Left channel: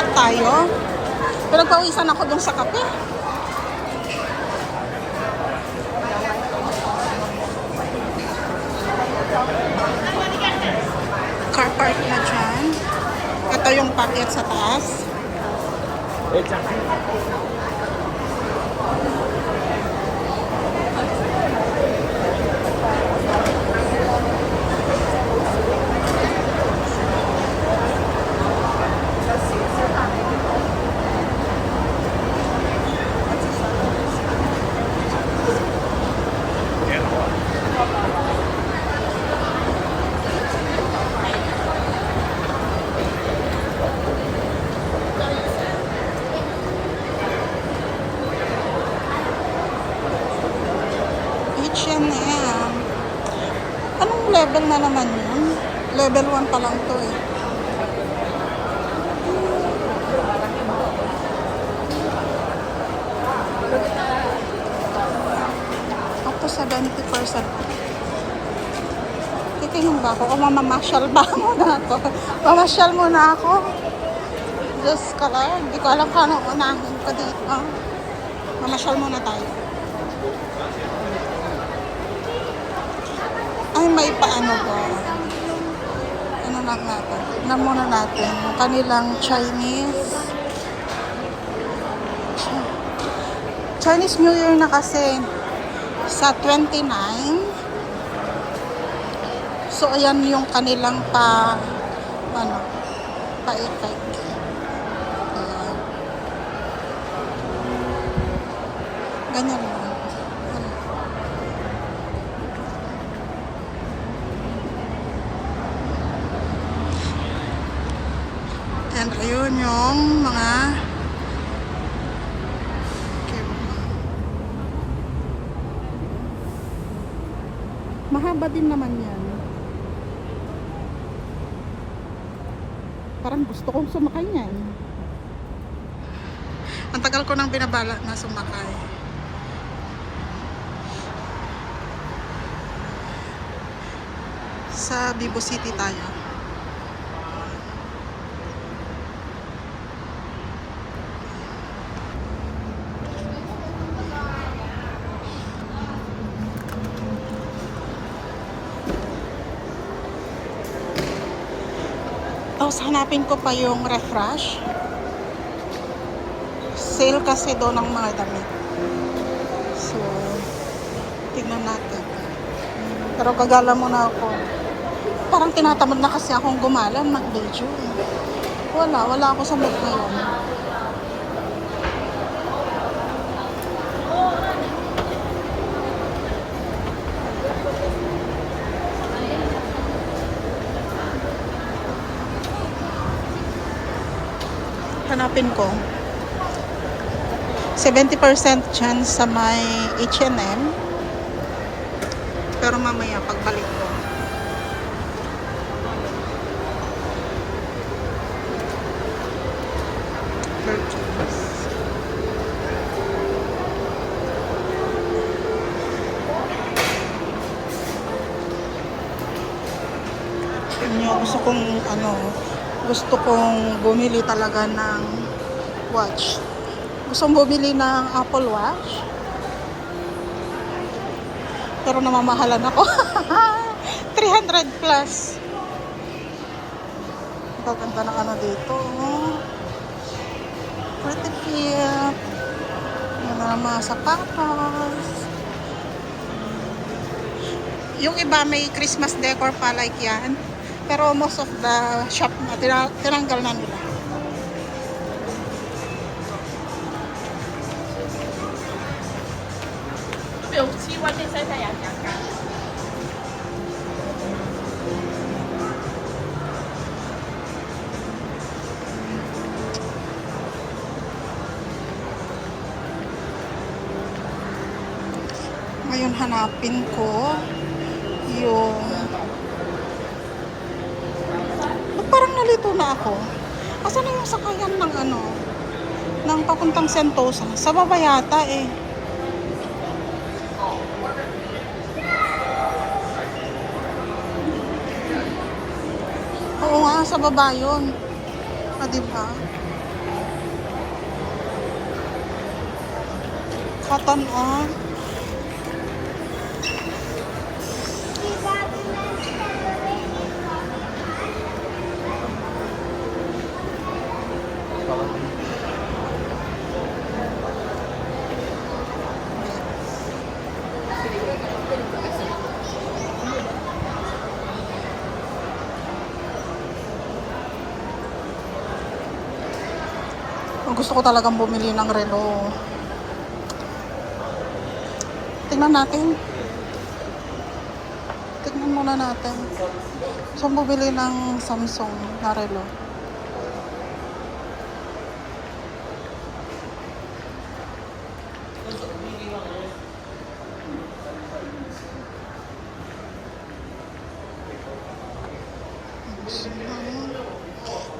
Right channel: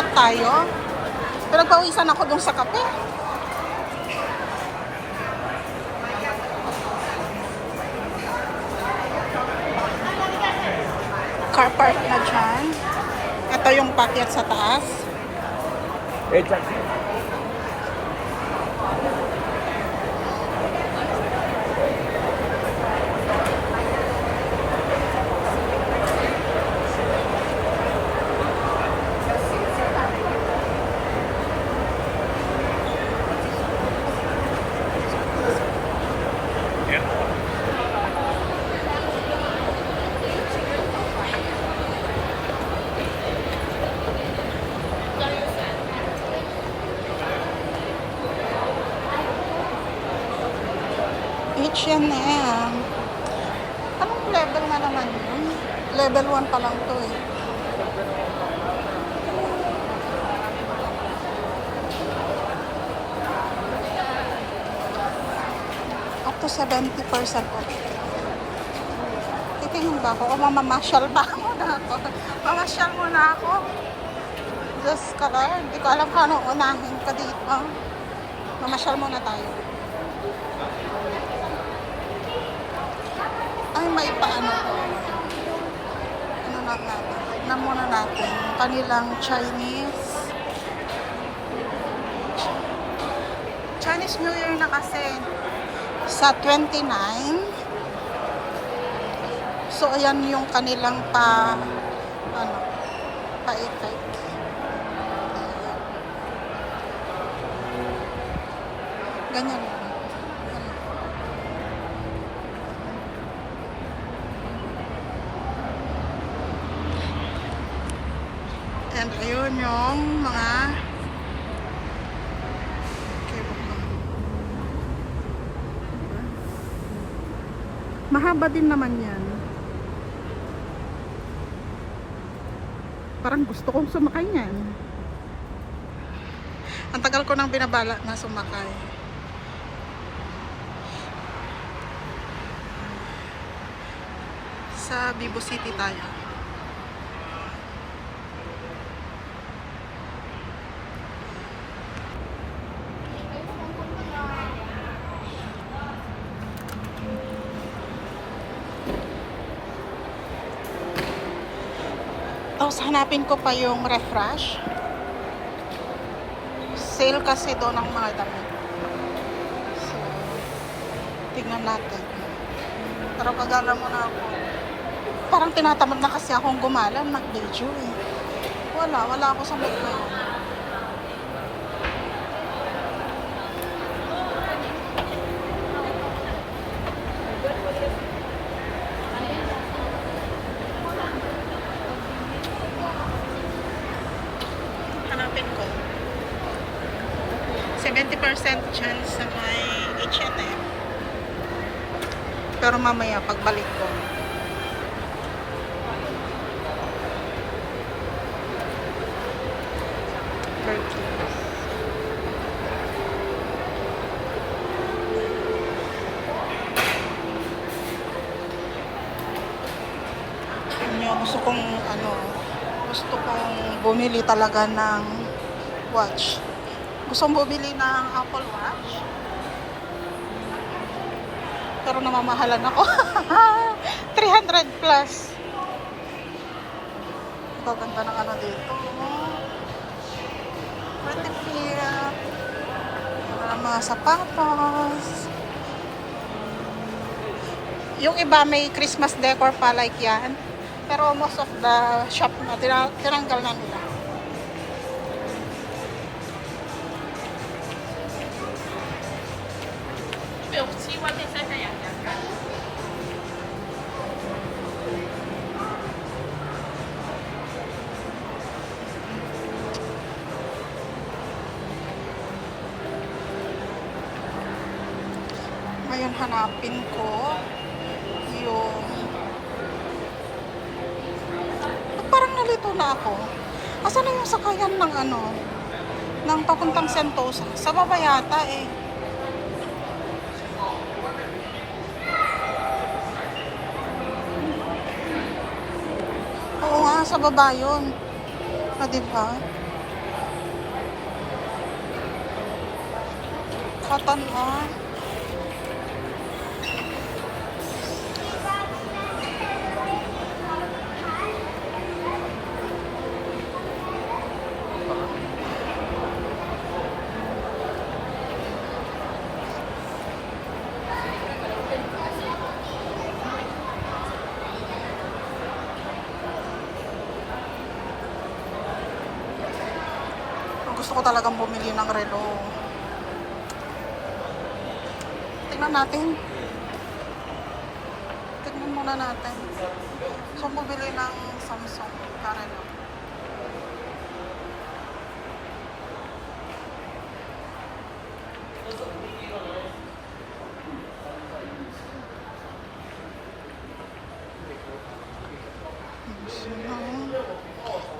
paakyat tayo. Pinagpawisan ako dun sa kape. Car park na dyan. Ito yung paakyat sa taas. H&M. Anong level na naman yun? Level 1 pa lang to eh. Up to 70% off. Titingin ba ako? O mamamasyal ba muna ako? Mamasyal muna ako. Just color. Hindi ko alam kung anong unahin pa dito. Mamasyal muna tayo. Ay, may paano ba? Ano lang natin? Tignan muna natin yung kanilang Chinese New Year na kasi sa 29. So, ayan yung kanilang pa-effect. Ayan. Ganyan lang. And ayun yung mga mahaba din naman yan. Parang gusto kong sumakay niyan. Ang tagal ko nang binabala na sumakay. Sa Vivo City tayo. Tapos hanapin ko pa yung refresh. Sale kasi doon ng mga damit. So, tignan natin. Pero kagala muna ako. Parang tinatamad na kasi akong gumalan, mag-video. Wala ako sa mood ngayon. Hanapin ko 70% chance sa may H&M, pero mamaya pagbalik ko gusto kong bumili talaga ng watch. Gusto kong bumili ng Apple Watch, pero namamahalan ako. 300 plus. Ito, ganda ng ano dito. Pretty cute. Ganda ng mga sapatos. Yung iba may Christmas decor pa like yan. Pero most of the shop na tinanggal na nila. Ngayon hanapin ko yung parang nalito na ako. Asan na yung sakayan ng ng papuntang Sentosa? Sa baba yata eh. Oo nga, sa baba yun. Diba? Cotton on. Gusto ko talagang bumili ng relo. Tingnan natin. Tingnan muna natin. So, bumili ng Samsung na relo.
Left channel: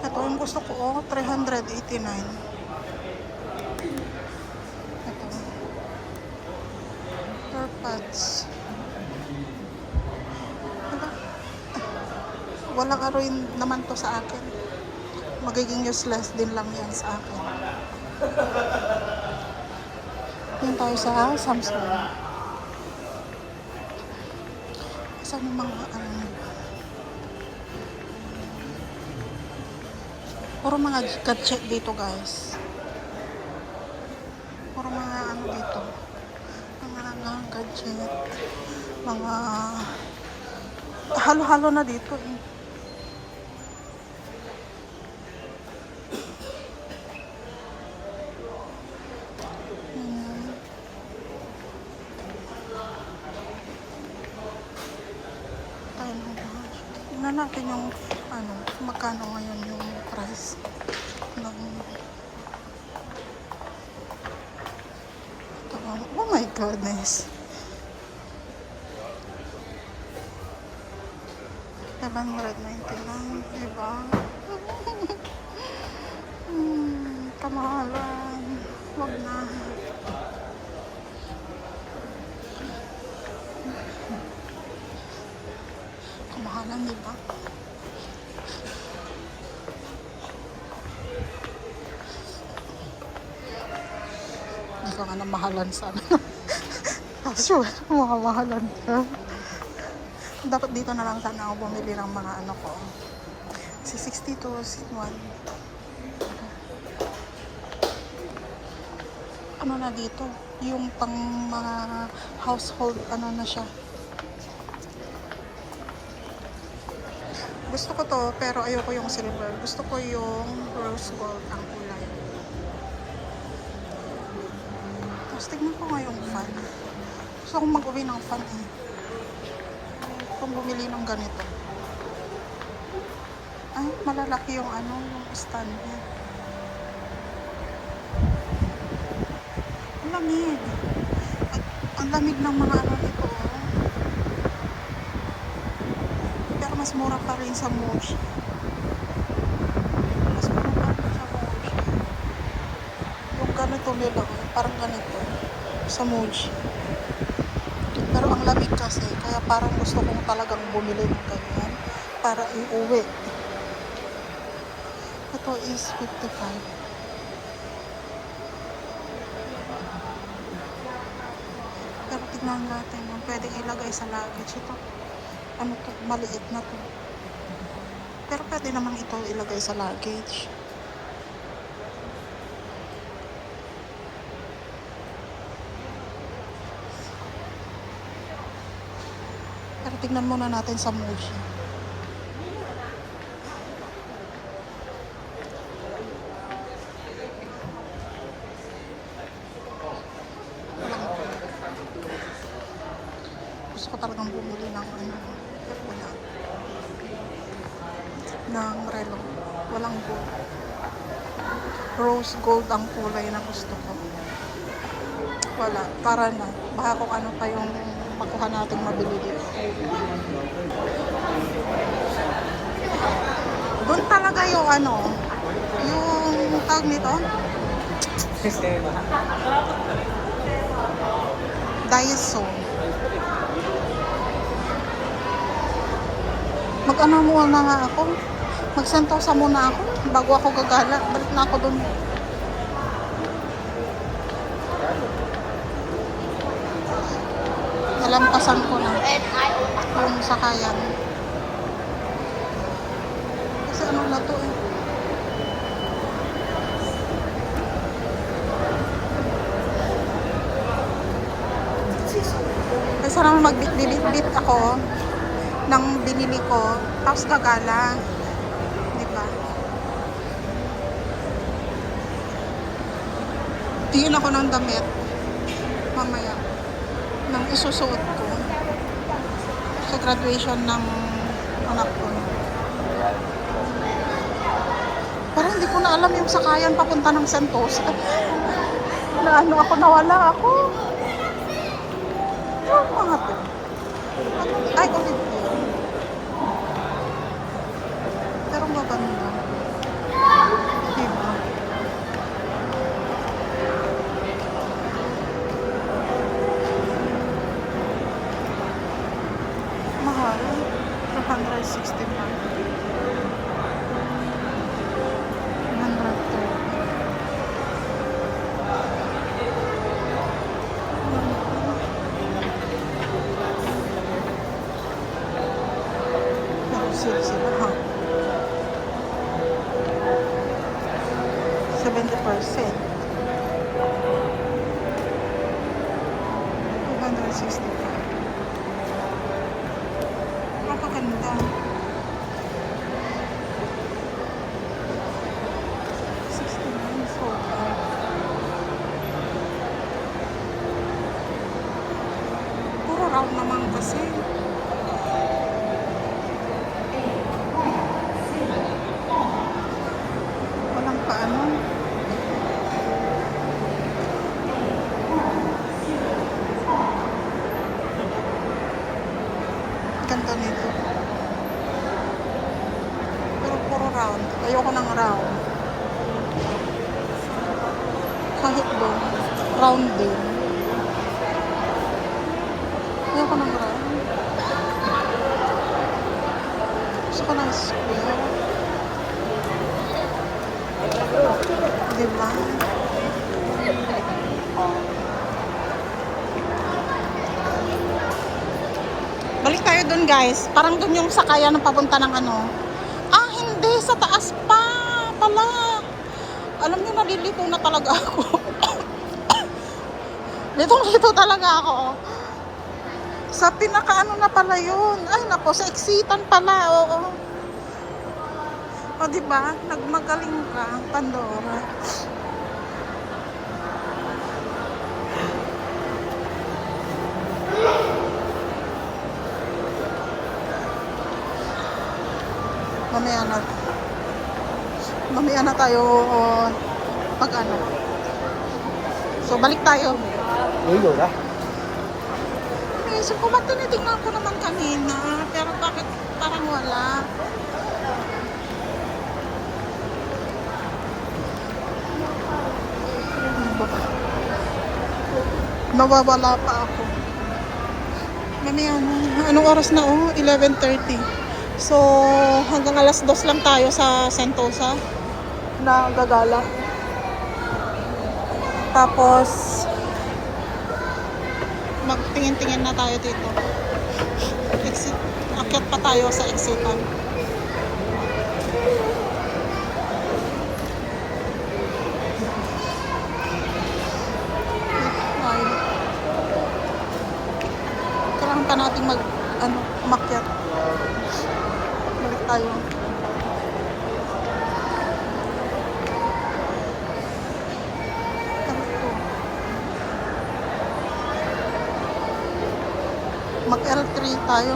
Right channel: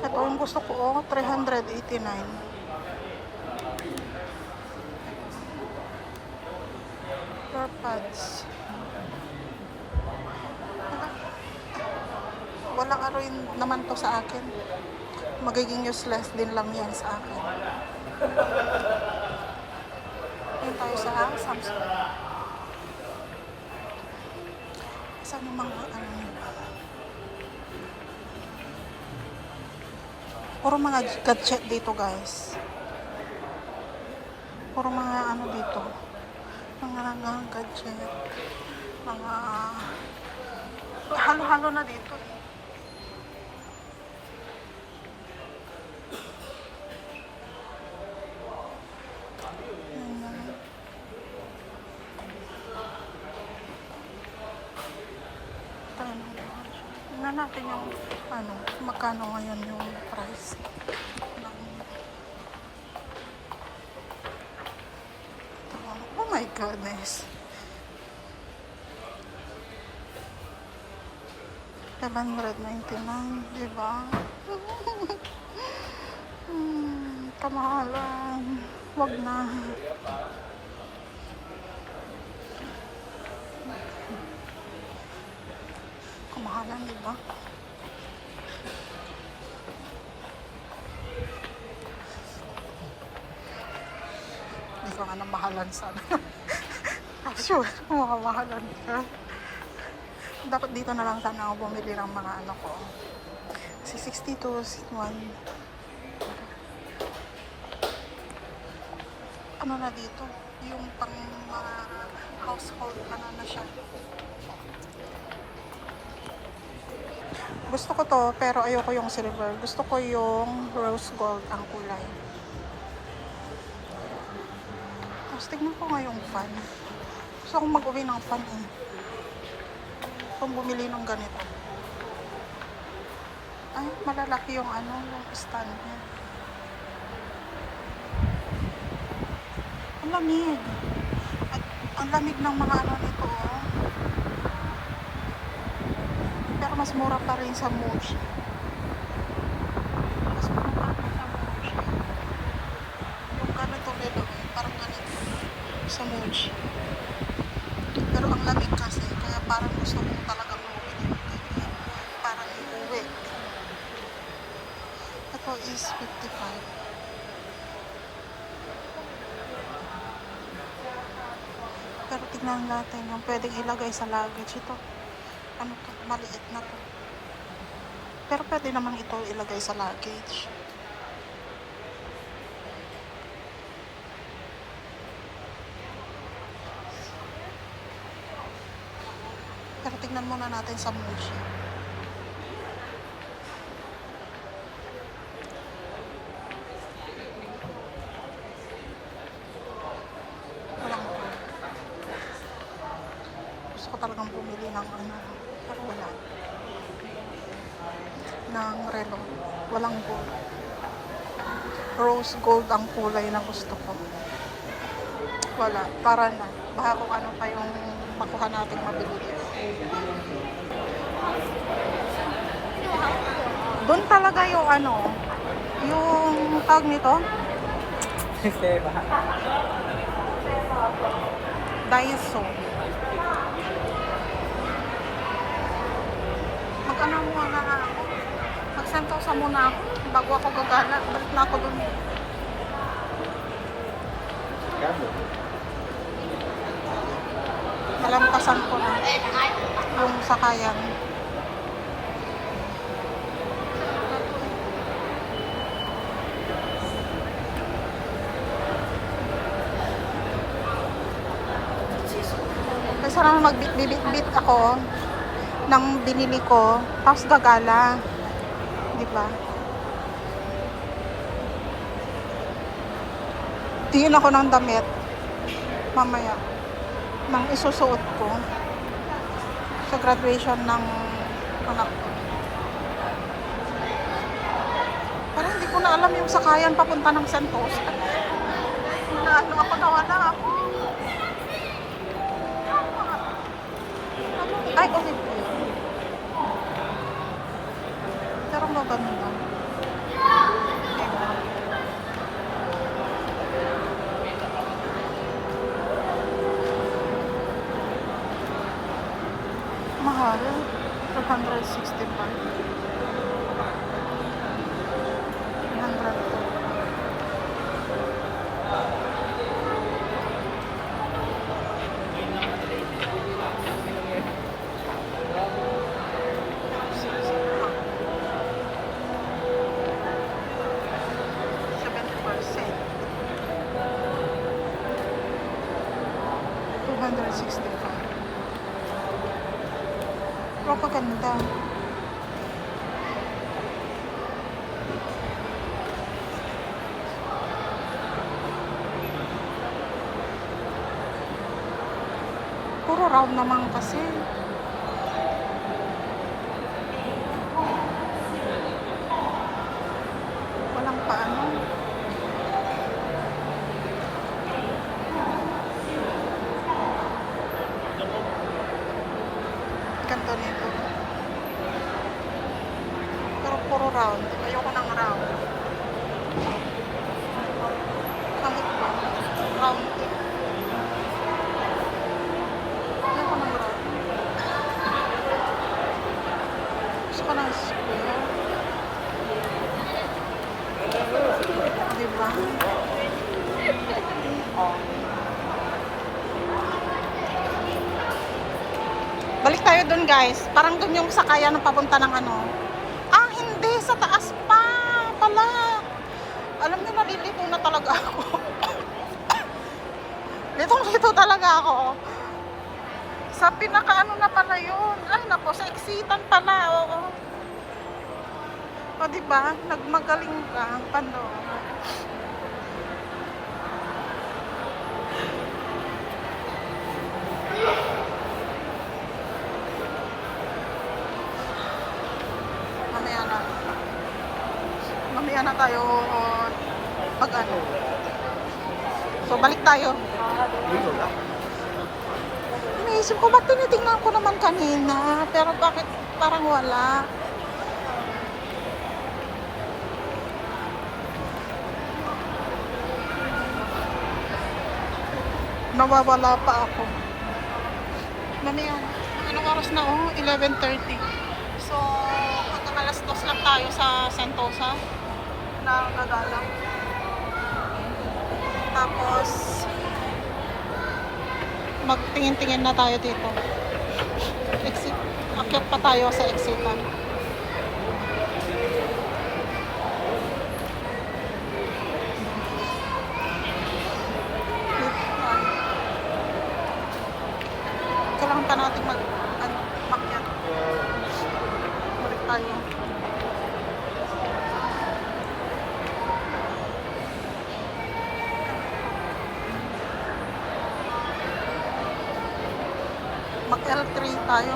Ito yung gusto ko, 389. AirPods. Walang rin naman to sa akin. Magiging useless din lang yan sa akin. Yan tayo sa Samsung. Saan yung mga puro mga gadget dito, guys. Puro mga dito. Mga gadget. Mga halo-halo na dito eh. Tingnan natin yung magkano ngayon yung price ng ito. Oh my goodness, 799, diba? Kamahalan, wag na. Kamahalan, diba? Hindi ka nga namahalan sana. Sure, mamamahalan ka. Dapat dito na lang sana ako bumili ng mga ko. Kasi 62 1. Ano na dito? Yung pang mga household, na siya. Gusto ko to, pero ayoko yung silver. Gusto ko yung rose gold ang kulay. Tapos tignan ko nga yung fan. Gusto kong mag-uwi ng fan eh. Kung bumili ng ganito. Ay, malalaki yung yung stand niya. Ang lamig. Ang lamig ng mga nito oh. Pero mas mura pa rin sa Muji. Mas mura pa rin sa Muji. Yung ganito nila, parang ganito. Sa Muji. Pero ang lamig kasi, kaya parang gusto kong talagang bumili ng ganyan para iuwi. Ito is 55. Pero tignan natin yung pwedeng ilagay sa luggage. Ito, to, maliit na to. Pero pwede naman ito ilagay sa luggage. Pero tignan muna natin sa Muji. Walang gold. Gusto ko talagang bumili ng pero wala. Ng relo. Walang gold. Rose gold ang kulay na gusto ko. Wala. Tara na. Baka kung ano pa yung makuha nating mabili dito. Doon talaga yung yung tag nito Daiso. Muna nga ako, magsentosa muna ako bago ako gagala. Balik na ako doon. Lampasan ko na yung sakayan. Kasi ano na to eh. Kasi naman magbit-bit ako ng binili ko, tapos gagala. Di ba? Tingin ako ng damit mamaya nang isusuot ko sa graduation ng anak ko. Parang hindi ko na alam yung sakayan papunta ng Sentosa. Na ano ako, nawala ako. Oh, mga to. Ano? Ay, ulit. Pero ang gaganda. Diba? Mahal. 265. 102. Sila, ha? 70%. 265. Pero kaganda. 69 so puro round naman kasi. Walang paano. Ganda nito. Pero puro round. Ayoko ng round. Kahit doon, round din. Ayoko ng round. Gusto ko ng square. Diba? Balik tayo dun guys. Parang dun yung sakayan ng papunta ng ano. Ah, hindi. Sa taas pa pala. Alam niyo, nalilito na talaga ako. Litong-lito talaga ako. Sa pinakaano na pala yun. Ay, nako. Sa exitan pala. Oo. O, diba? Nagmagaling ka, Pandora. Mamaya na tayo pag ano. So, balik tayo. Iniisip ko, ba't tinitingnan ko naman kanina? Pero bakit parang wala? Nawawala pa ako. Mamaya na. Anong oras na? Oh, 11:30. So, hanggang alas 2 lang tayo sa Sentosa na gagala. Tapos, magtingin-tingin na tayo dito. Exit. Akyat pa tayo sa exitan. Kailangan pa natin umakyat. Balik tayo. Mag L3 tayo.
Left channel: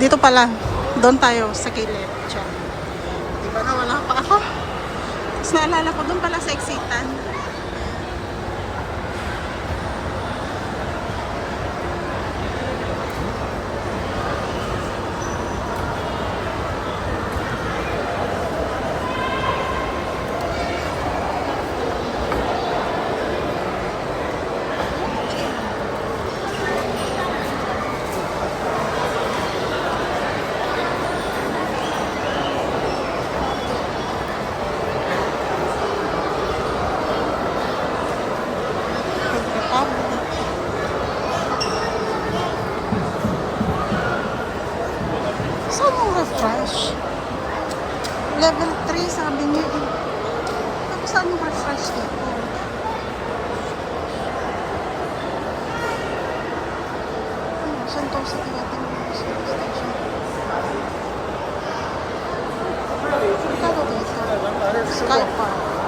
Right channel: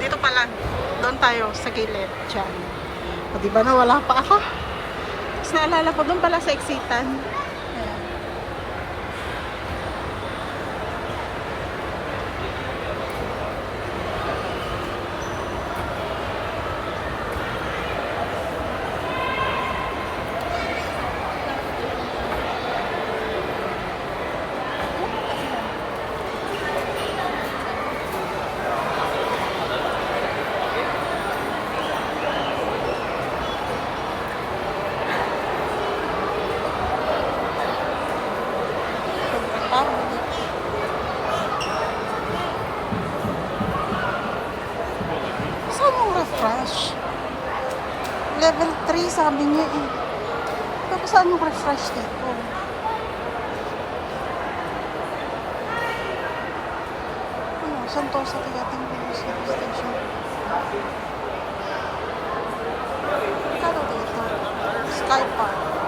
Dito pala. Doon tayo sa gilid. Diyan. O, diba na wala pa ako? Tapos naalala ko doon pala sa exitan. saan yung refresh? Level 3 sabi niya eh. Tapos saan yung refresh dito? Ano, Sentosa Tigating Station. Magkano dito? Sky Park.